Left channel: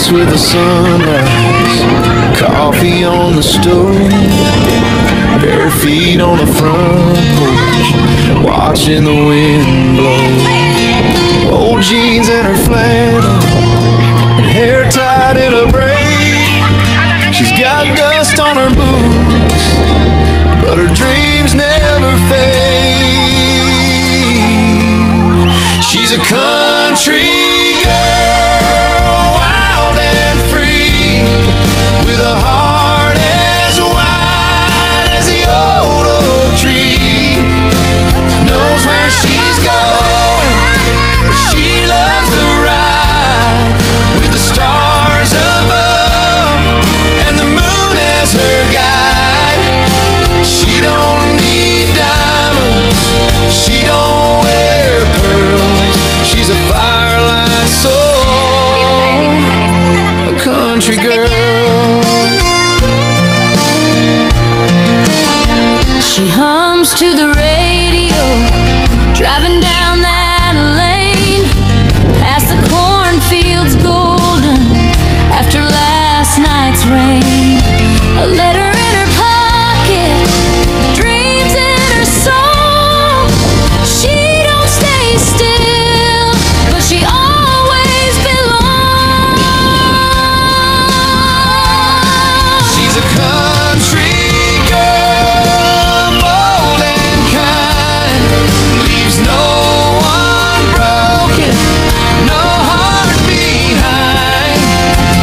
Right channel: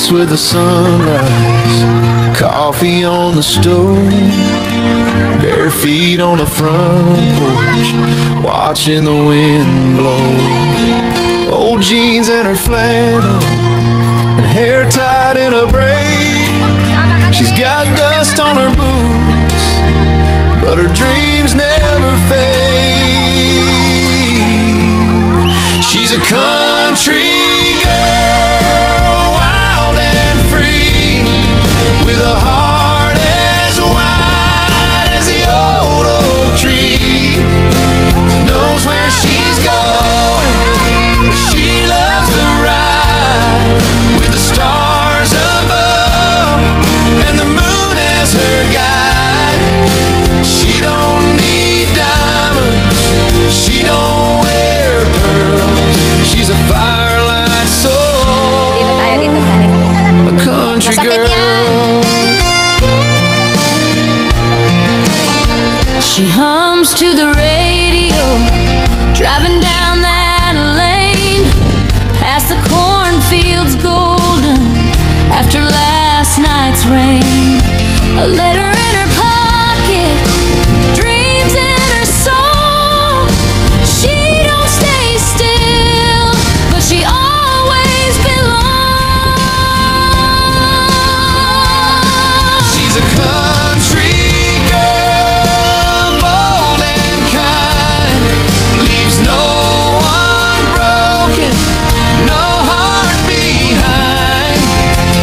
wakes with the sunrise, coffee on the stove, bare feet on the front porch, watching the wind blow. Old jeans and her flannel, and hair tied in a braid. She's got dust on her boots, but her dreams never fade. She's a country girl, wild and free, with a heart as wide as the old oak tree. Knows where she's going, but she loves to ride with the stars above and the moon as her guide. She don't need diamonds, she don't wear pearls. She's a firelight soul, a country girl. She hums to the radio, driving down that lane, past the cornfields golden after last night's rain. A letter in her pocket, dreams in her soul. She don't stay still, but she always belongs. She's a country girl, bold and kind, leaves no one broken, no heart behind.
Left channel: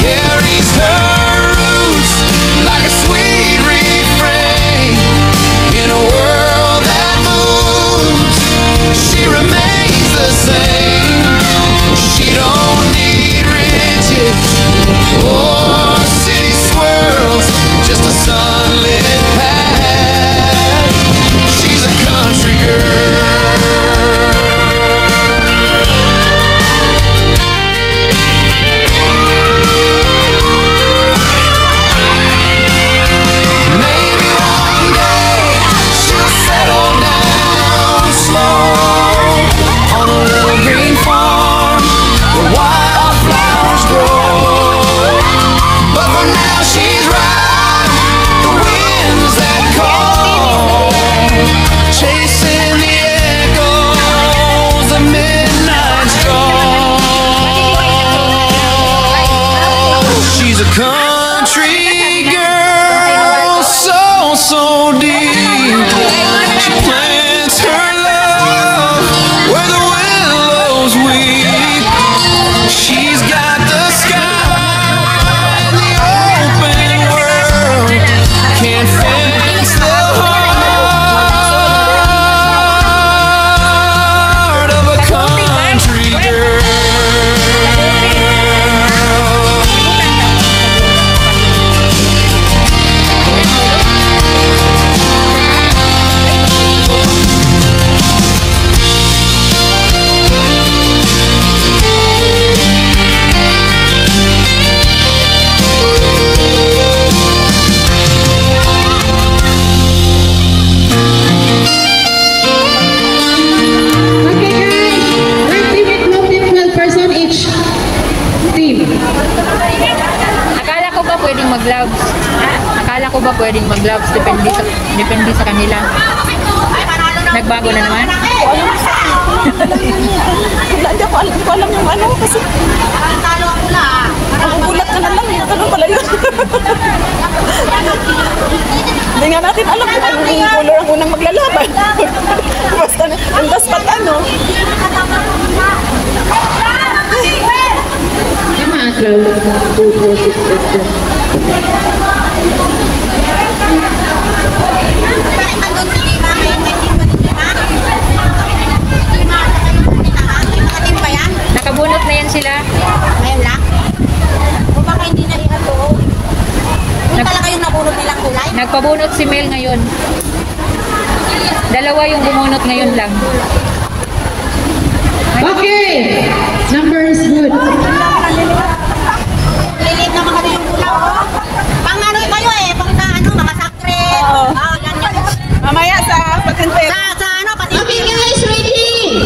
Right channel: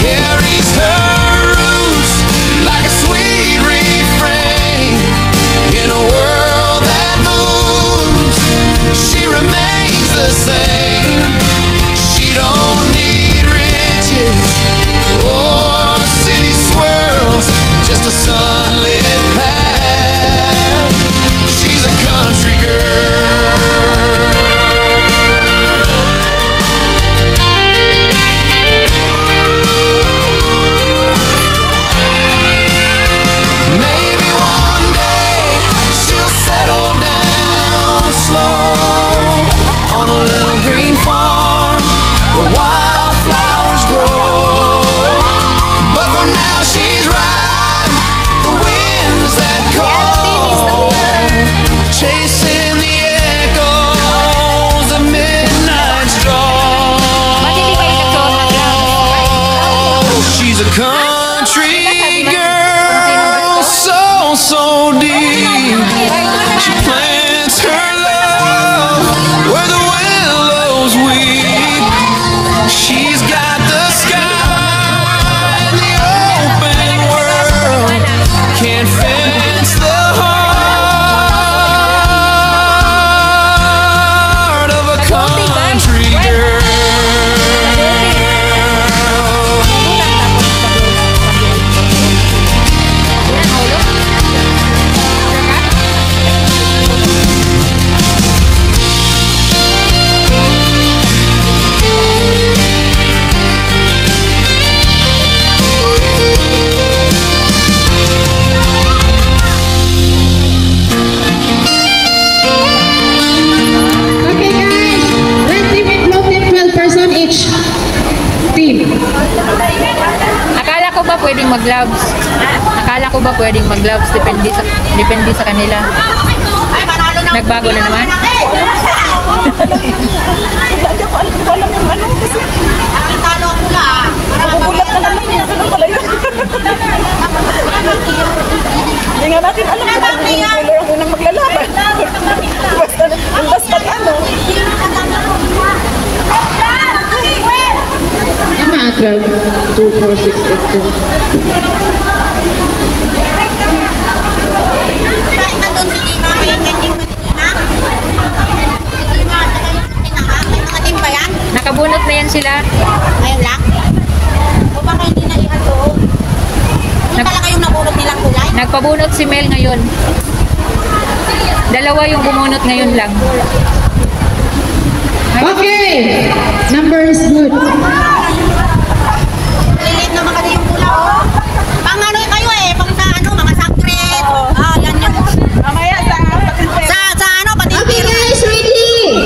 Carries her roots like a sweet refrain. In a world that moves, she remains the same. She don't need riches or city swirls, just a sunlit path. She's a country girl. Maybe one day she'll settle down slow on a little green farm where wildflowers grow. But for now she's riding the winds that call, chasing the echoes of midnight's drawl. She's a country girl, so deep. She plants her love where the willows weep. She's got the sky and the open world, can't fence the heart of a country girl. Akala ko ba pwedeng mag-gloves? Depende sa kanila. Nagbago na naman? Hindi ko alam yung ano kasi nagugulat ka na lang yung tanong pala yun. Hindi nga natin alam kung anong color ang unang maglalaban. Basta na, ang daspat ano. Nakabunot na yan sila. Ayun lang. O baka hindi na ihato. Ano talaga yung nabunot nilang kulay? Nagpabunot si Mel ngayon. Dalawa yung bumunot ngayon lang. Okay, numbers good. Lilit naman kasi yung pula, oh. Pang ano kayo eh, pang ano, mga sakret. Ah, yan yun. Mamaya sa patente. Sa ano, pati. Okay guys, ready?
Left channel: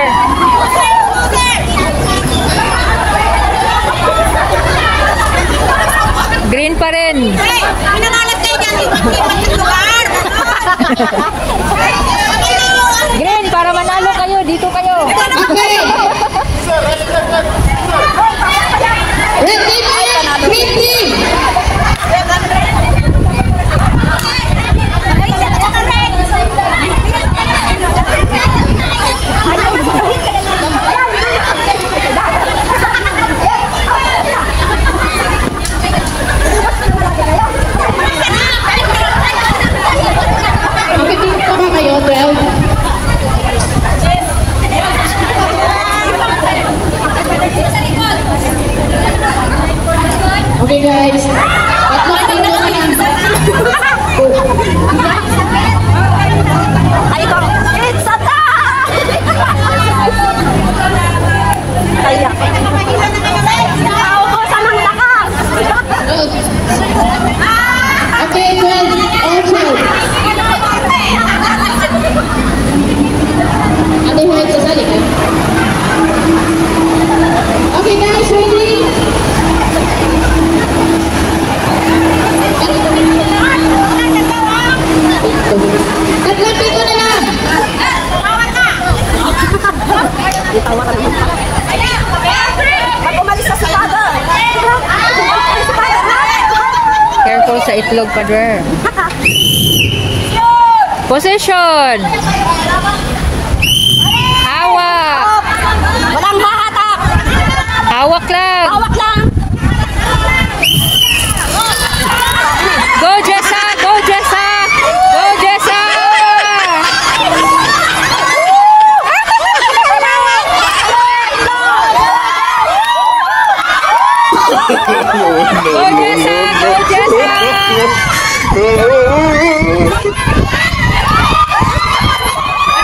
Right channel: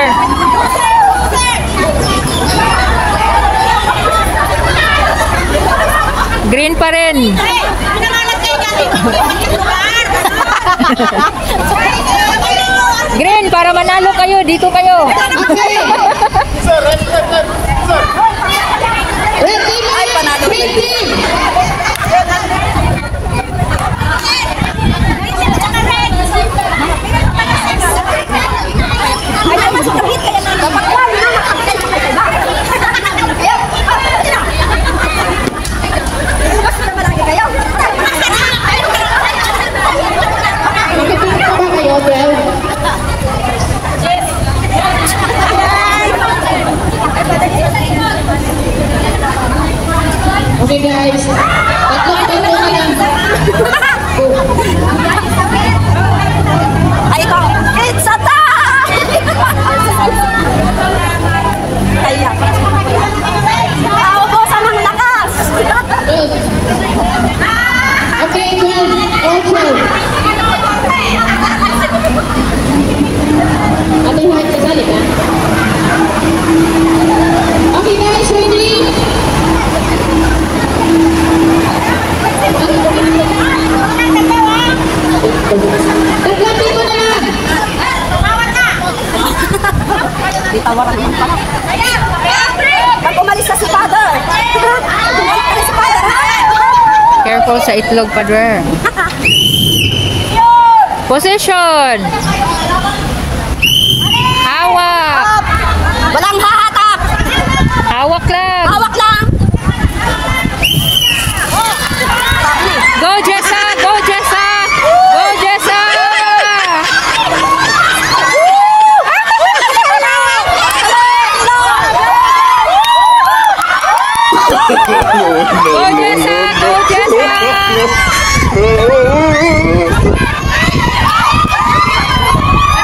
Pader. Green pa rin. Pinangalat kayo dyan. Green, para manalo kayo. Dito kayo. Okay. Red team, green team. Okay guys. Ay, ito. It's a tie! Ayan. Naubusan ng lakas. Okay, also. Ate Juan, sasali ka? Okay guys, ready? Tatlapin mo na lang. Pag umalis na si Father. Si Father. Careful sa itlog, Pader. Position. Hawak. Walang hahatak. Hawak lang. Hawak lang. Go, Jessa! Go, Jessa! Go, Jessa!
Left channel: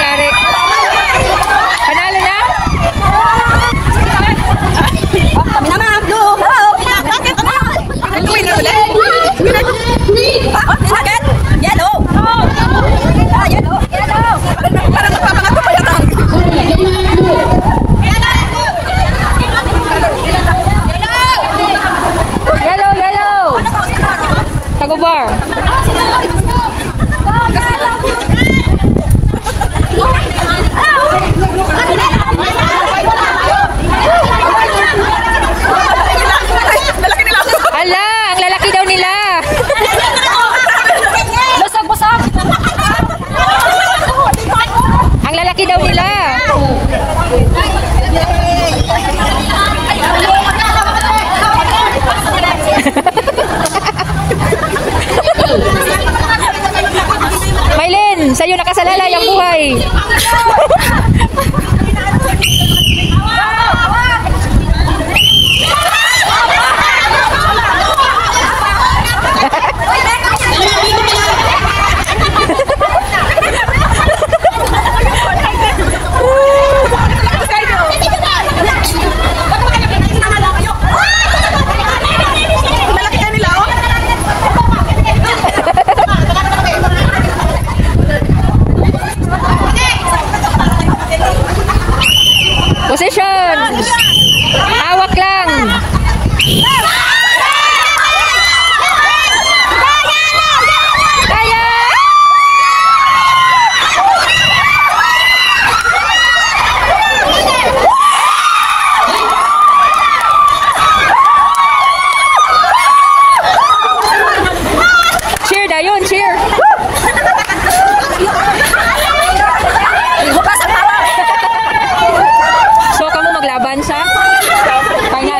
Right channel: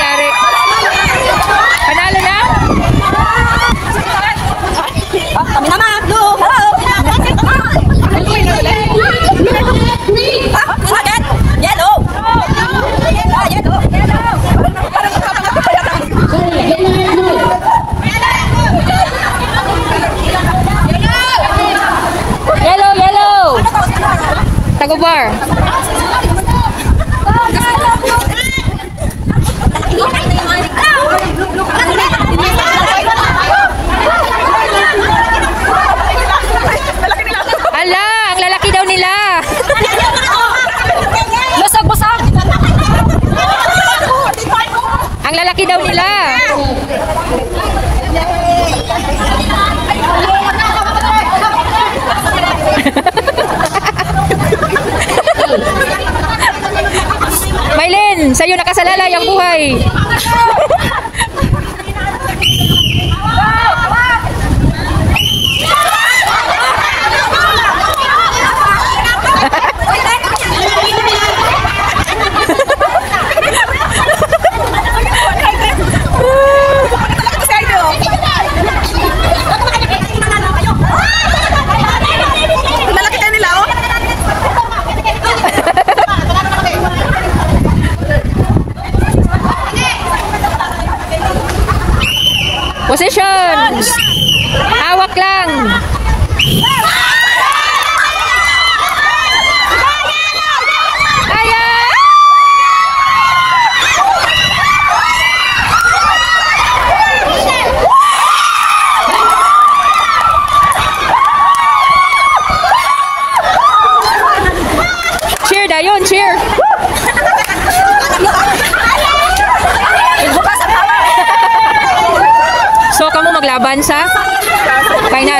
Nangyari? Panalo na? Kami naman. Go. Again. Yellow. Yellow. Yellow, yellow! Tagubar. Ala, ang lalaki daw nila. Busog. Ang lalaki daw nila. Maylin, sa'yo nakasalalay ang buhay. Position. Hawak lang. Kaya. Cheer dayon, cheer. So, kamu maglaban sa final.